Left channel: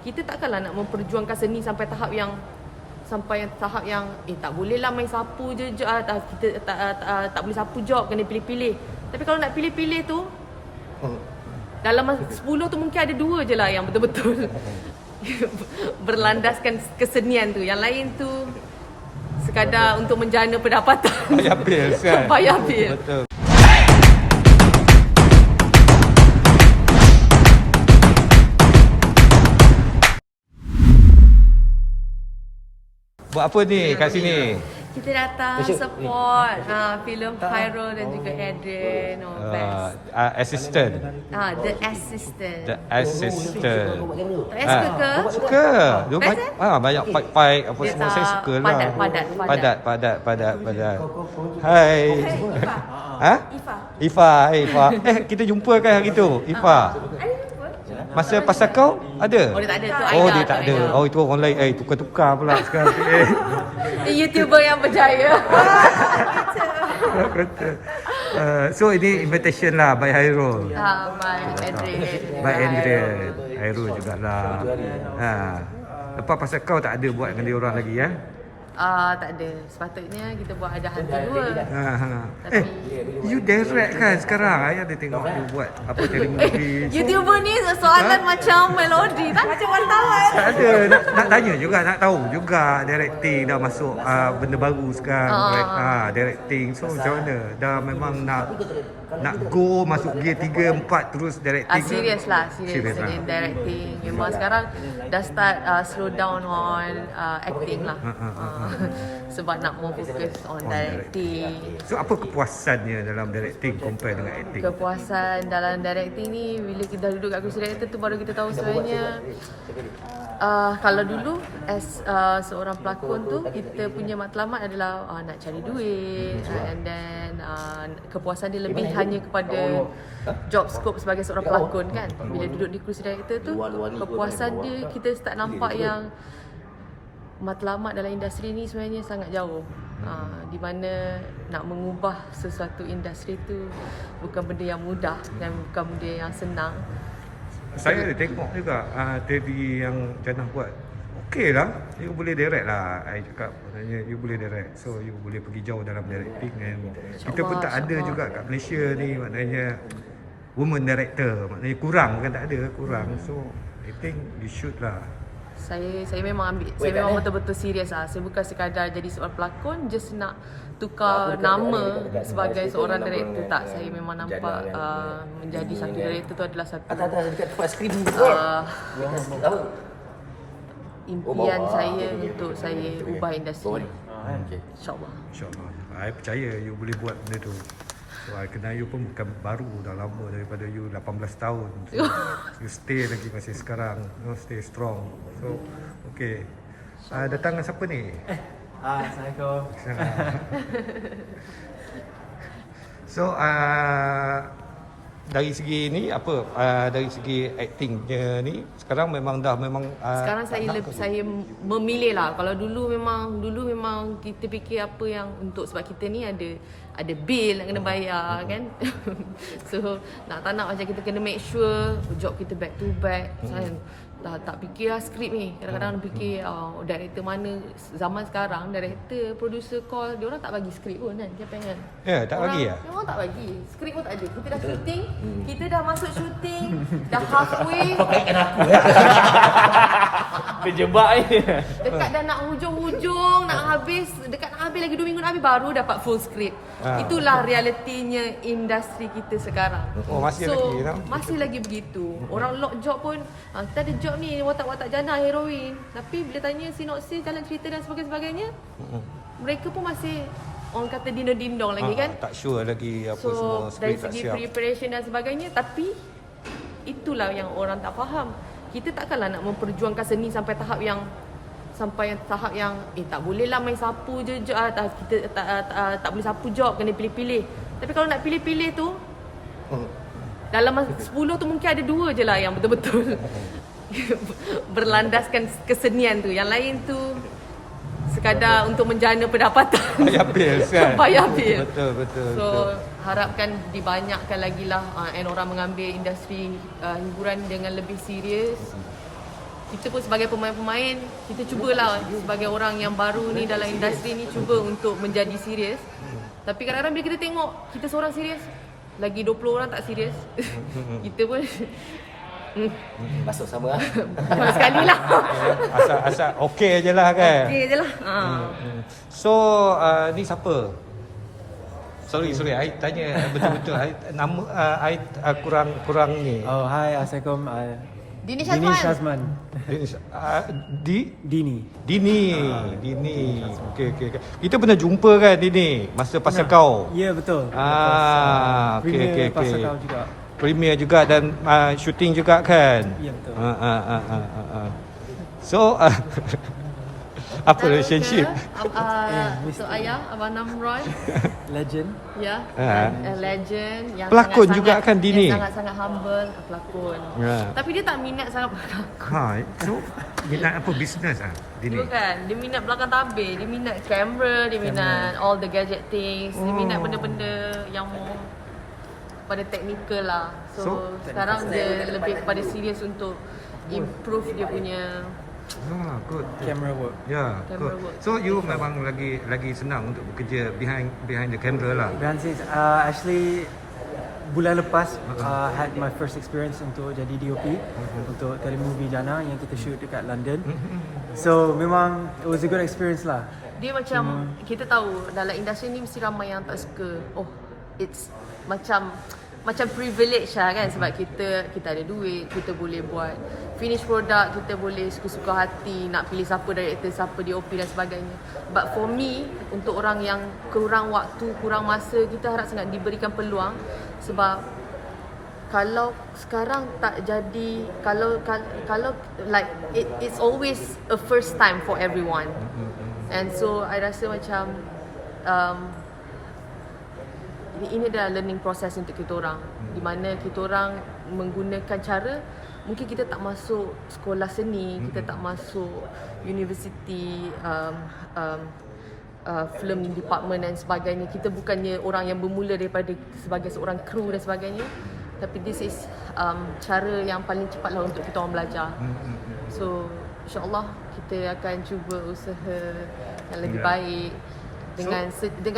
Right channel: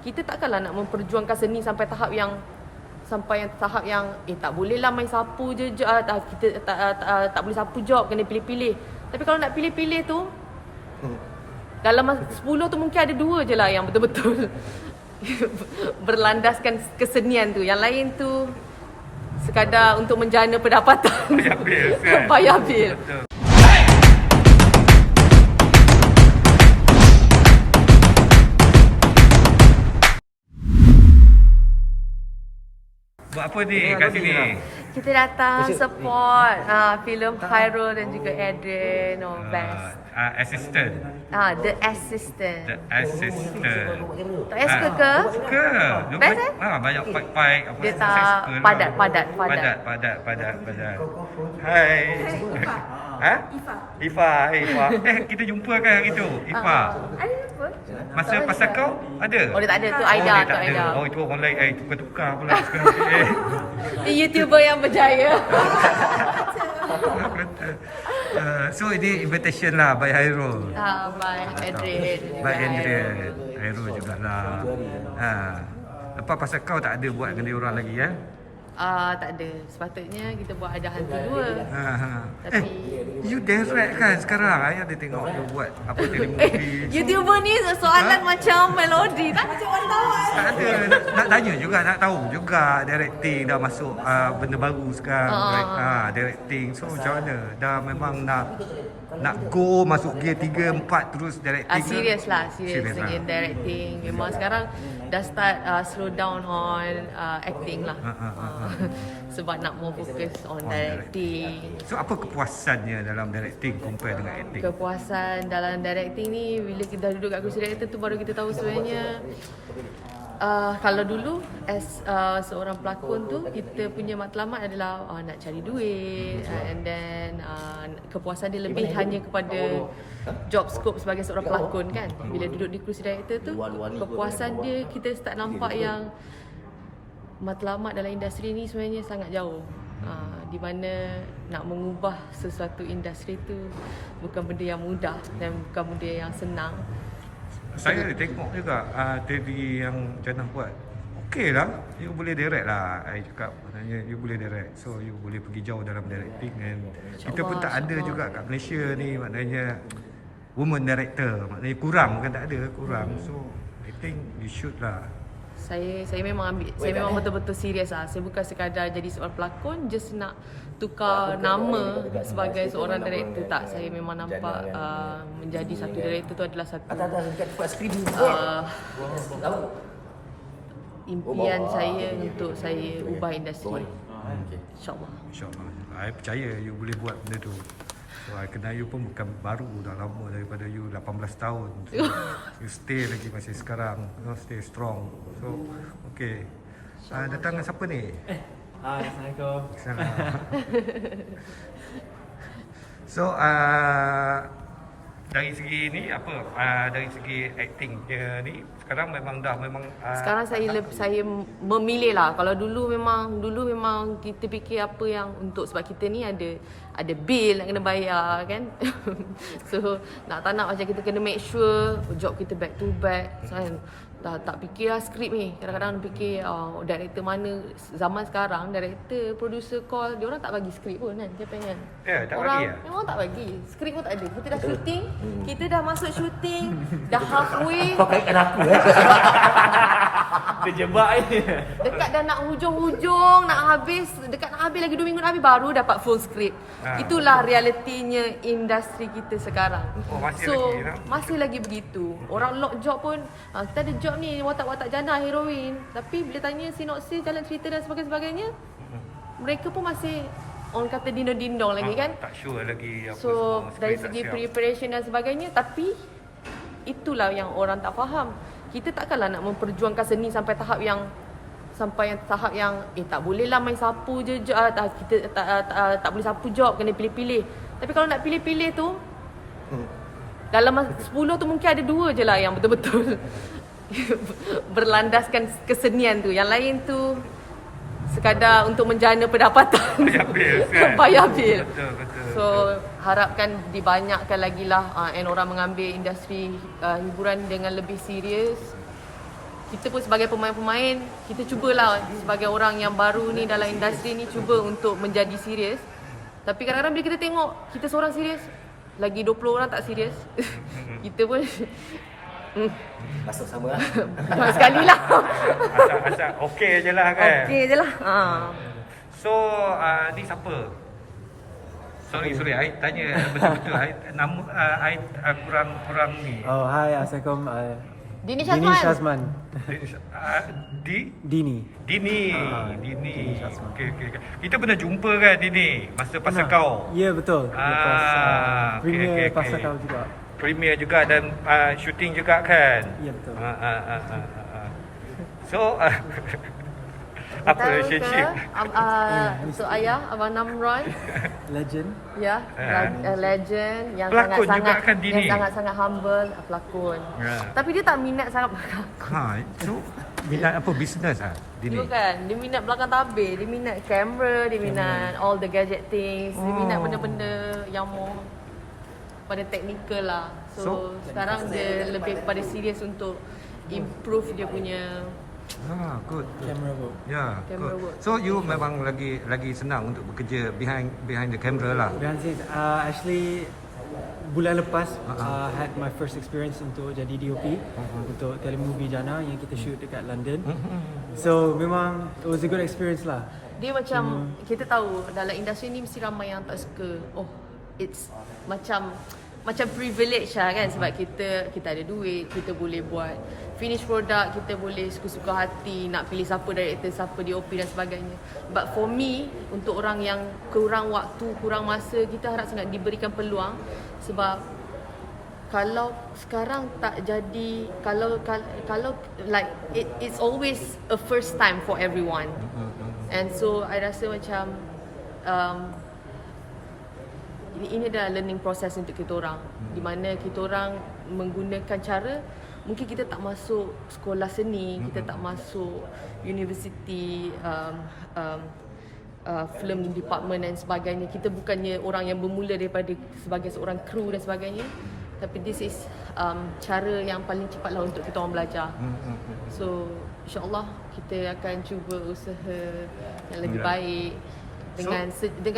Kita takkanlah nak memperjuangkan seni sampai tahap yang tak bolehlah main sapu je, kita tak boleh sapu job, kena pilih-pilih. Tapi kalau nak pilih-pilih tu, dalam 10 tu mungkin ada 2 je lah yang betul-betul berlandaskan kesenian tu. Yang lain tu sekadar untuk menjana pendapatan. Bayar bil kan? Bayar bil. Betul. Buat apa ni kat sini? Kita datang support filem Khairul dan juga Adrian. Best. Assistant. The Assistant. The assistant. Tak payah suka ke? Suka. Dia Best banyak fight-fight apa Dia semua saya tak suka lah. Padat. Hai. Ha? Ifa. Kita jumpa kan hari tu? Ifa. Ada apa? Masa pasal kau ada? Oh, dia tak ada. Tu Oh, Aida. dia tak ada. Oh, itu orang lain. Tukar-tukar pula sekarang. Dia YouTuber yang berjaya. So ini invitation lah by Hairul. By Adrian. By Adrian. Hairul jugalah. Lepas pasal kau tak ada buat dengan dia orang lagi ya? Tak ada. Sepatutnya kita buat ada hantu 2. Tapi you direct kan sekarang? Ayah dia tengok you buat apa telemovie. YouTuber ni soalan macam melodi tak? Macam wartawan. Tak ada. Nak tanya juga, nak tahu juga directing dah masuk benda baru sekarang. Directing. So macam mana? Dah memang nak go masuk gear 3, 4 terus directing. Serius dengan directing. Memang sekarang dah start slow down on acting lah. Sebab nak more fokus on directing. So apa kepuasannya dalam directing compare dengan acting? Kepuasan dalam directing ni bila kita dah duduk kat kursi director tu baru kita tahu sebenarnya kalau dulu as seorang pelakon tu kita punya matlamat adalah nak cari duit, and then kepuasan dia lebih hanya kepada job scope sebagai seorang pelakon kan. Bila duduk di kursi director tu kepuasan dia kita start nampak yang matlamat dalam industri ni sebenarnya sangat jauh. Di mana nak mengubah sesuatu industri tu bukan benda yang mudah dan bukan benda yang senang. Saya ada tengok juga TV yang Jannah buat. Okey lah, you boleh direct lah. I cakap maknanya you boleh direct. So you boleh pergi jauh dalam directing. And kita pun tak ada juga kat Malaysia ni, maknanya woman director. Maknanya kurang, bukan tak ada, kurang. So I think you should lah. Saya memang betul-betul serius lah. Saya bukan sekadar jadi seorang pelakon just nak tukar nama sebagai seorang director, tak. Saya memang nampak menjadi satu director tu adalah satu impian saya untuk saya ubah industri. InsyaAllah. I percaya you boleh buat benda tu. So, I kenal you pun bukan baru, dah lama daripada you 18 tahun. So, you stay lagi masih sekarang, stay strong. So, okay. Datang dengan siapa ni? Hai, Assalamualaikum. So, dari segi ni apa? Dari segi actingnya ni sekarang sekarang saya memilih lah. Kalau dulu memang kita fikir apa yang untuk, sebab kita ni ada bil nak kena bayar kan. So nak tak nak macam kita kena make sure job kita back to back kan. Tak fikirlah skrip ni. Kadang-kadang fikir director mana. Zaman sekarang director, producer call, dia orang tak bagi skrip pun kan. Siapa ingat? tak orang bagi ya? memang tak bagi. Skrip pun tak ada. Kita dah shooting, kita dah masuk shooting, dah halfway. Kau kaitkan aku Terjebak ni. Dekat dah nak hujung-hujung, dekat nak habis lagi 2 minggu nak habis baru dapat full script. Itulah realitinya industri kita sekarang. Masih lagi begitu. Orang lock job pun, kita ada job ni, watak-watak jana, heroin. Tapi bila tanya sinopsis, jalan cerita dan sebagainya, mereka pun masih orang kata dindong-dindong lagi kan. Tak sure lagi apa so, semua. dari segi preparation dan sebagainya, tapi itulah yang orang tak faham. Kita takkanlah nak memperjuangkan seni sampai tahap yang tak bolehlah main sapu je, kita tak boleh sapu job, kena pilih-pilih. Tapi kalau nak pilih-pilih tu dalam 10 tu mungkin ada 2 je lah yang betul-betul berlandaskan kesenian tu. Yang lain tu sekadar untuk menjana pendapatan. Bayar bil kan? Bayar bil. Betul. So harapkan dibanyakkan lagi lah and orang mengambil industri hiburan dengan lebih serius. kita pun sebagai pemain-pemain, kita cubalah sebagai orang yang baru ni dalam industri ni, cuba untuk menjadi serius. Tapi kadang-kadang bila kita tengok kita seorang serius, lagi 20 orang tak serius, kita pun Masuk sama lah. sama sekali lah. Asal okey je lah kan. Okey je lah. So ni siapa? Sorry, I tanya betul-betul. Nama I kurang ni. Oh, hai, Assalamualaikum. Dini Dini Syazman. Shazman. Dini. Dini. Dini. Okey. Kita pernah jumpa kan Dini masa pasal kau. Ya, betul. Lepas premier pasal kau juga. Premier juga dan shooting juga kan? Ya, betul. So apa relationship? Untuk ayah Abang Namron, Legend. ya, legend yang Pelakon sangat-sangat juga kan Dini? yang sangat-sangat humble, pelakon. Ya. Tapi dia tak minat sangat pelakon. So minat apa bisnes Dini? Bukan, dia minat belakang tabir, dia minat kamera, dia minat all the gadget things, dia minat benda-benda yang more pada technical lah. So sekarang dia lebih kepada serius untuk improve dia punya Good. Camera work. Ya, Camera good. work. So you memang lagi senang untuk bekerja behind the camera lah. Behind scenes. Actually, bulan lepas had my first experience untuk jadi DOP untuk telemovie Jana yang kita shoot dekat London. So memang it was a good experience lah. dia macam kita tahu dalam industri ni mesti ramai yang tak suka. Oh, it's macam privilege lah kan, sebab kita ada duit, kita boleh buat finish product, kita boleh suka-suka hati nak pilih siapa director, siapa DOP dan sebagainya. But for me, untuk orang yang kurang waktu, kurang masa, kita harap sangat diberikan peluang. Sebab kalau sekarang tak jadi, kalau like it's always a first time for everyone. And so I rasa macam ini adalah learning process untuk kita orang, di mana kita orang menggunakan cara, mungkin kita tak masuk sekolah seni, kita tak masuk university film department dan sebagainya. Kita bukannya orang yang bermula daripada sebagai seorang kru dan sebagainya, tapi this is cara yang paling cepatlah untuk kita orang belajar. So insyaAllah kita akan cuba usaha yang lebih baik dengan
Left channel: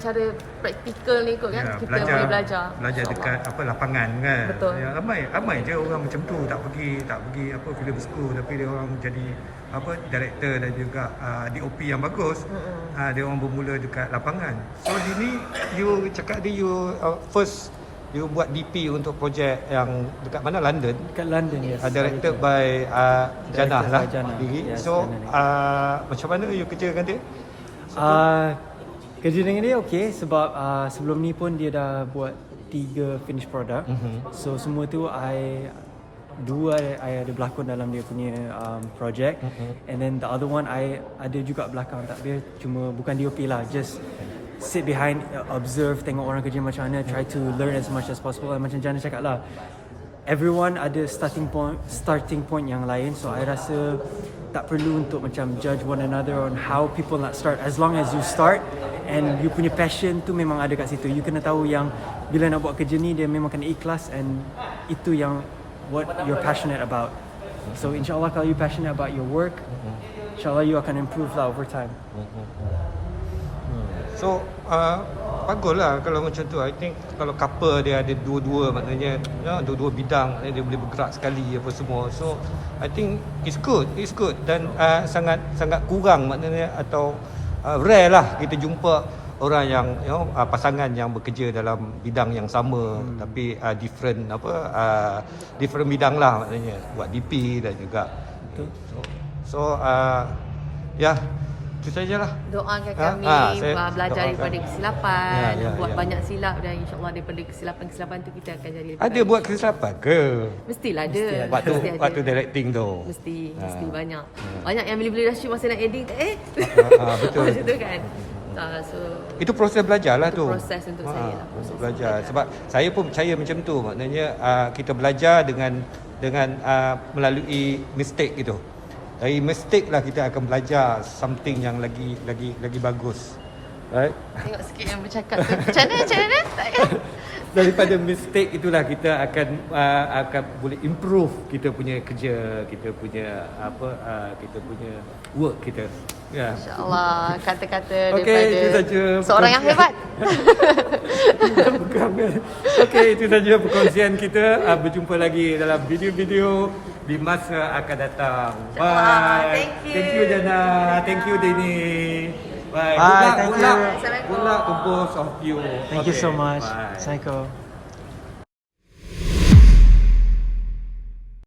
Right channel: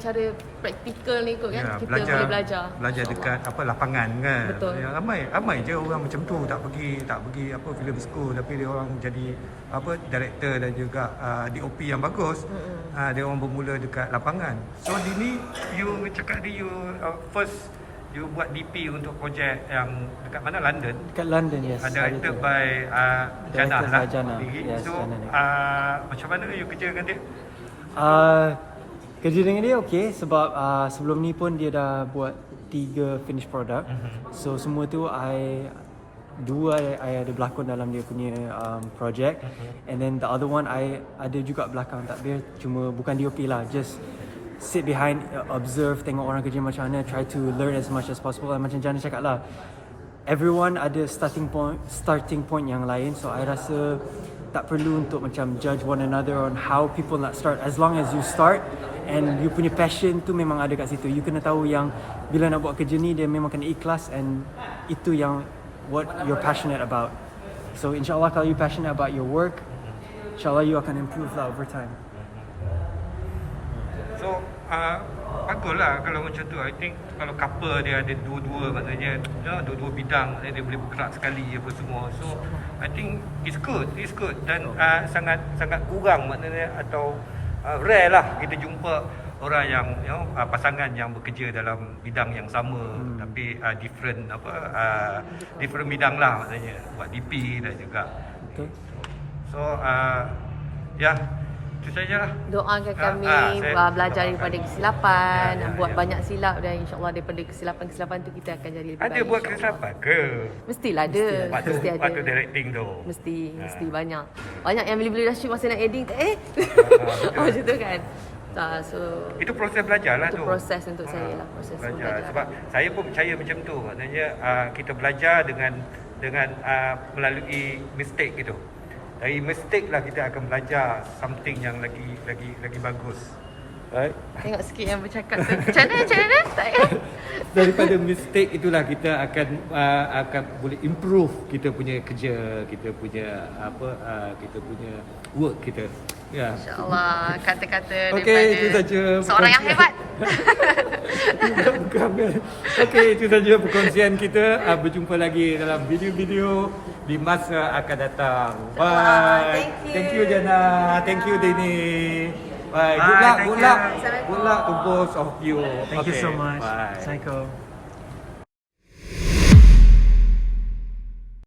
cara praktikal ni kot kan, kita boleh belajar dekat lapangan kan. Betul. Ya, ramai je orang macam tu tak pergi film school, tapi dia orang jadi director dan juga DOP yang bagus. Dia orang bermula dekat lapangan. So Dini, you cakap you first you buat DP untuk projek yang dekat mana, London? Dekat London, yes. Directed by Jana Directed by Jana. Yes, so Jana. macam mana you kerja dengan dia? Kerja dengan dia okey sebab sebelum ni pun dia dah buat 3 finished product. So semua tu I ada berlakon dalam dia punya project. And then the other one I ada juga belakang takbir, cuma bukan DOP lah, just sit behind, observe, tengok orang kerja macam mana, try to learn as much as possible. Macam Jana cakap lah, everyone ada starting point yang lain. So I rasa tak perlu untuk macam judge one another on how people nak start. As long as you start and you punya passion tu memang ada kat situ. You kena tahu yang bila nak buat kerja ni dia memang kena ikhlas, and itu yang what you're passionate about. So insyaAllah kalau you passionate about your work, insyaAllah you akan improve lah over time. So baguslah kalau macam tu. I think kalau couple dia ada dua-dua, maknanya dua-dua bidang, maknanya dia boleh bergerak sekali apa semua. So I think it's good dan sangat kurang, maknanya atau rare lah kita jumpa orang yang pasangan yang bekerja dalam bidang yang sama tapi different bidang lah, maknanya buat DP dan juga. Betul. So itu sajalah. Doakan kami belajar daripada kesilapan, buat banyak silap, dan insyaAllah daripada kesilapan tu kita akan jadi lebih baik. Ada buat kesilapan ke? Mestilah ada. Mesti ada. Waktu directing tu. Mesti banyak. Banyak yang bila dah shoot masa nak editing macam tu kan. So itu proses belajar lah itu tu. proses untuk saya lah, proses belajar. Sebab saya pun percaya macam tu, maknanya kita belajar dengan melalui mistake gitu. Dari mistake lah kita akan belajar something yang lagi bagus. Right? Tengok sikit yang bercakap tu. Macam mana? Tak kan? Daripada mistake itulah kita akan boleh improve kita punya kerja, kita punya kita punya work kita. Ya. InsyaAllah kata-kata Okey, daripada itu saja seorang yang hebat. Bukan. Okey, itu saja perkongsian kita. Berjumpa lagi dalam video-video di masa akan datang. Bye. Thank you. Jana. Thank you Denny. Bye. Good luck to both of you. Thank you Okay, so much. Bye. Assalamualaikum.